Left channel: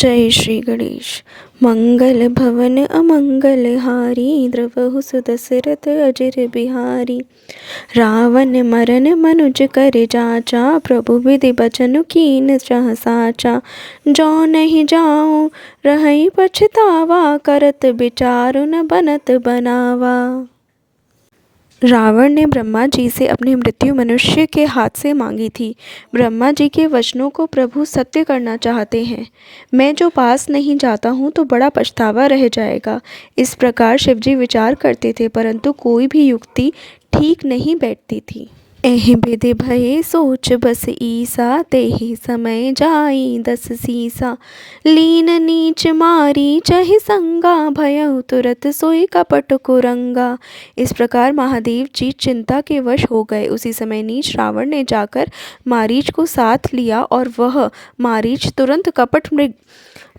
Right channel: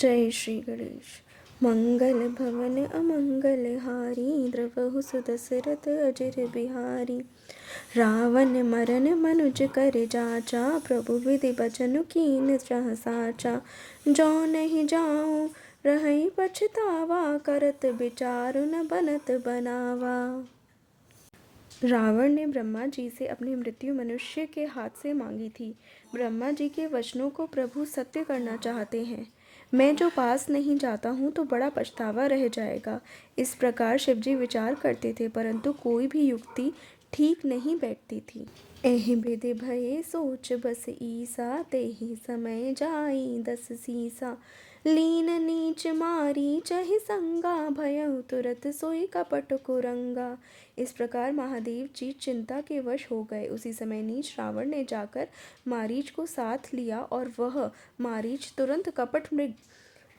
जय श्री गणेश। मंगल भवन अमंगल हारी, द्रवहु सुदशरथ अजिर बिहारी। रावण मरन मनुज कर जाचा, प्रभु विधि बचन कीन चाह साचा। जो नहीं जाऊं रहई पछतावा, करत विचारु न बनत बनावा। रावण ने ब्रह्मा जी से अपनी मृत्यु मनुष्य के हाथ से मांगी थी। ब्रह्मा जी के वचनों को प्रभु सत्य करना चाहते हैं। मैं जो पास नहीं जाता हूँ तो बड़ा पछतावा रह जाएगा। इस प्रकार शिवजी विचार करते थे, परंतु कोई भी युक्ति ठीक नहीं बैठती थी। एहि विधि भये सोच बस ईसा, तेहि समय जाई दस सीसा। लीन नीच मारी चहि संगा, भयउ तुरत सोई कपट कुरंगा। इस प्रकार महादेव जी चिंता के वश हो गए। उसी समय नीच रावण ने जाकर मारीच को साथ लिया और वह मारीच तुरंत कपट मृग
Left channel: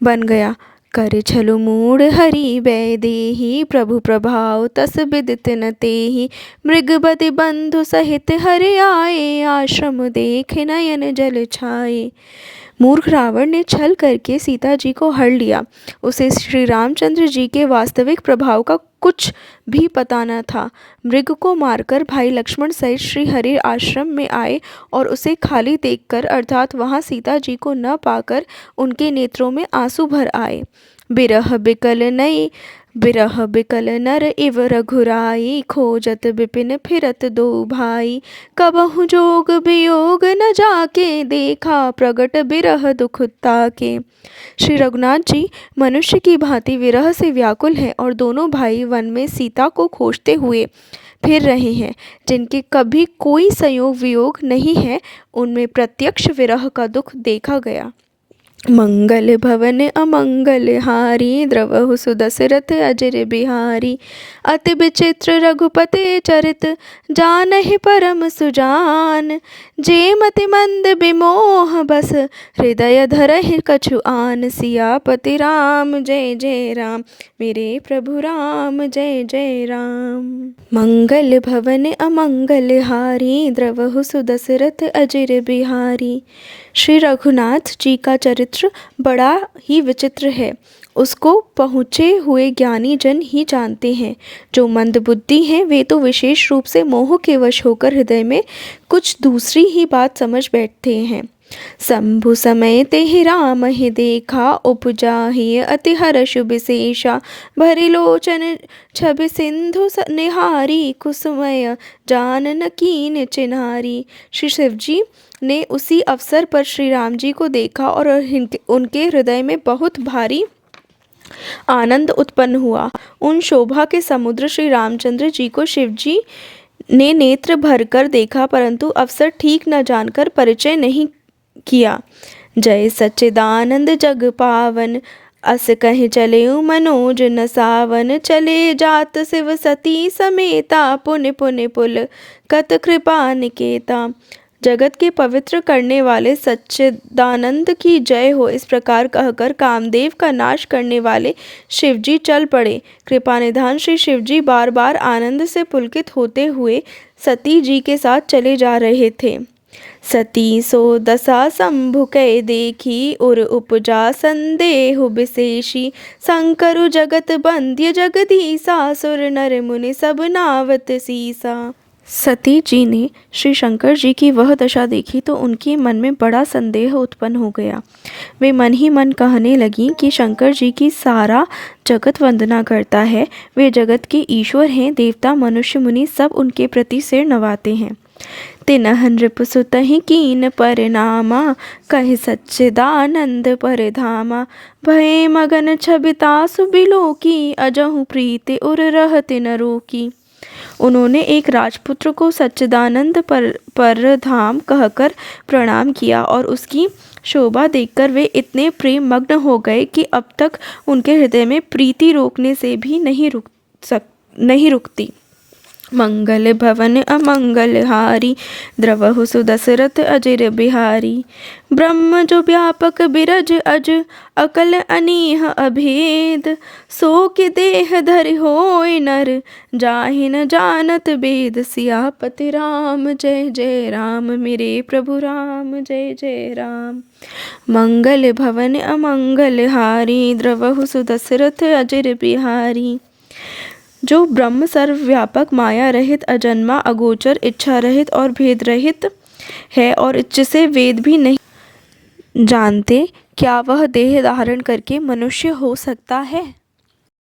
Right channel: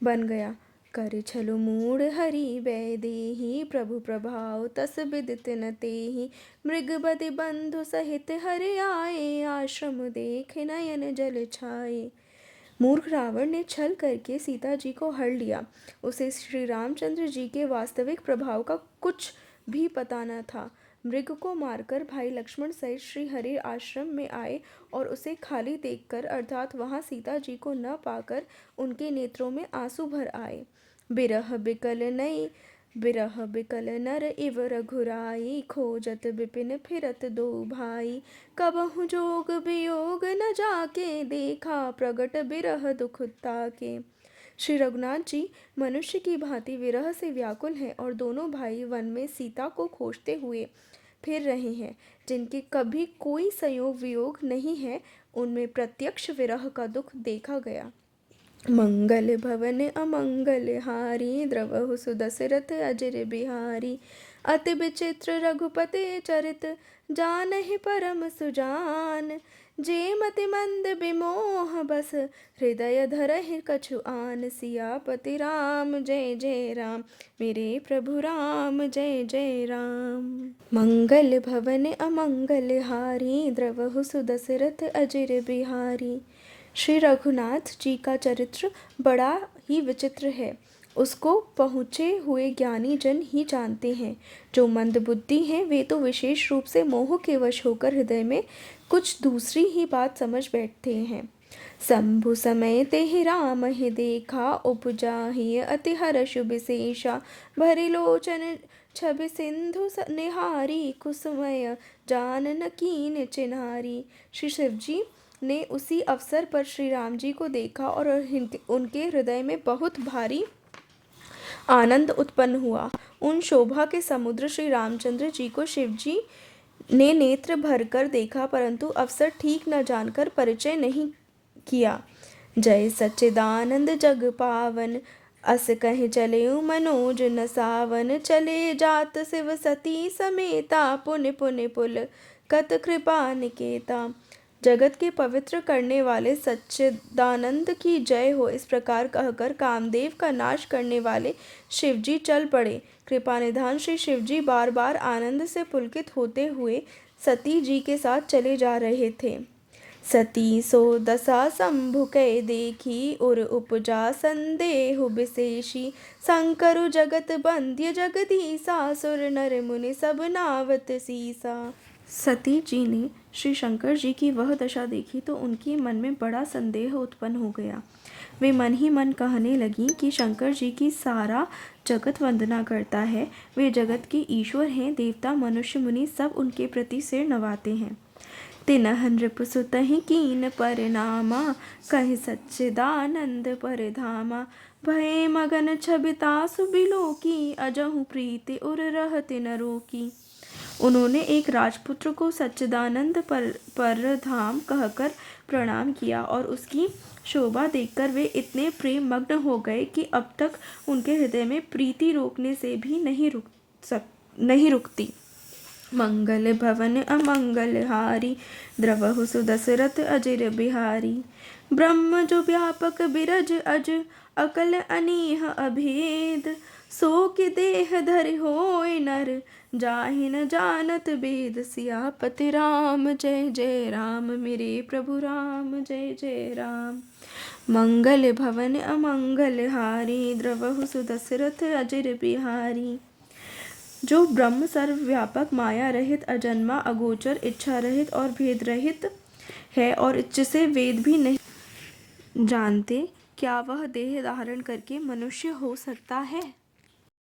बन गया। कर छलु मूढ़ हरि वैदेही, प्रभु प्रभाव तस विदित न तेहि। मृग बदि बंधु सहित हरि आए, आश्रम देख नयन जल छाए। मूर्ख रावण ने छल करके सीता जी को हर लिया। उसे श्री रामचंद्र जी के वास्तविक प्रभाव का कुछ भी पता न था। मृग को मारकर भाई लक्ष्मण सहित श्री हरि आश्रम में आए और उसे खाली देखकर, अर्थात वहाँ सीता जी को न पाकर उनके नेत्रों में आंसू भर आए। बिरह बिकल नर इव रघुराई, खोजत विपिन फिरत दो भाई। कबहु जोग वियोग न जाके, देखा प्रगट बिरह दुख ताके। श्री रघुनाथ जी मनुष्य की भांति विरह से व्याकुल हैं और दोनों भाई वन में सीता को खोजते हुए फिर रहे हैं। जिनके कभी कोई संयोग वियोग नहीं है, उनमें प्रत्यक्ष विरह का दुख देखा गया। मंगल भवन अमंगल हारी, द्रवहु सुदशरथ अजिर बिहारी। अति विचित्र रघुपति चरित, जानहि परम सुजान। जे मति मंद विमोह बस, हृदय धरहि कछु आन। सियापति राम जय जय राम, मेरे प्रभु राम जय जय राम। मंगल भवन अमंगल हारी, द्रवहु सुदशरथ अजिर बिहारी। श्री रघुनाथ जी का चरित्र बड़ा ही विचित्र है। उसको पहुँचे हुए ज्ञानी जन ही जानते हैं। जो मंदबुद्धि हैं वे तो विशेष रूप से मोह के वश होकर हृदय में कुछ दूसरी ही बात समझ बैठते हैं। शंभु समय तेहि राम ही देखा, उपजाहि अति हर्ष विशेषा। भरि लोचन छवि सिंधु निहारी, कुसुमय जानन कीन चिन्हारी। श्री शिवजी ने उसी अवसर पर श्री राम जी को देखा और उनके हृदय में बहुत भारी आनंद उत्पन्न हुआ। उन शोभा के समुद्र श्री रामचंद्र जी को शिवजी ने नेत्र भरकर देखा, परंतु अवसर ठीक न जानकर परिचय नहीं किया। जय सच्चिदानंद जग पावन, अस कहि चलेउ मनोज न सावन। चले जात शिव सती समेता, पुन पुन पुल कत कृपा निकेता। जगत के पवित्र करने वाले सच्चिदानंद की जय हो। इस प्रकार कहकर कामदेव का नाश करने वाले शिवजी चल पड़े। कृपानिधान श्री शिवजी बार बार आनंद से पुलकित होते हुए सती जी के साथ चले जा रहे थे। सती सो दशा शंभु कै देखी, उर उपजा संदेहु विशेषी। शंकरु जगत बंध्य जगदीसा, सुर नर मुनि सब नावत सीसा। सती जी ने श्री शंकर जी की वह दशा देखी तो उनके मन में बड़ा संदेह उत्पन्न हो गया। वे मन ही मन कहने लगी कि शंकर जी की सारा जगत वंदना करता है। वे जगत के ईश्वर हैं। देवता मनुष्य मुनि सब उनके प्रति सिर नवाते हैं। तिन्ह नृपसुतहि कीन परिनामा, कहि सच्चिदानंद परधामा। भये मगन छबितासु बिलोकी, अजहु प्रीति उर रहति न रोकी। उन्होंने एक राजपुत्र को सच्चिदानंद परधाम कहकर प्रणाम किया और उसकी शोभा देखकर वे इतने प्रेम मग्न हो गए कि अब तक उनके हृदय में प्रीति रोकने से भी नहीं रुकती। मंगल भवन अमंगल हारी, द्रवहु सुदशरथ अजिर बिहारी। ब्रह्म जो व्यापक बिरज अज, अकल अनीह अभेद। सो कि देह धरि होय नर, जाहि न जानत वेद। सियापति राम जय जय राम, मेरे प्रभु राम जय जय राम। मंगल भवन अमंगल हारी, द्रवहु सुदशरथ अजिर बिहारी। जो ब्रह्म सर्वव्यापक, माया रहित, अजन्मा, अगोचर, इच्छा रहित और भेद रहित है और जिसे वेद भी नहीं जानते, क्या वह देह धारण करके मनुष्य हो सकता है?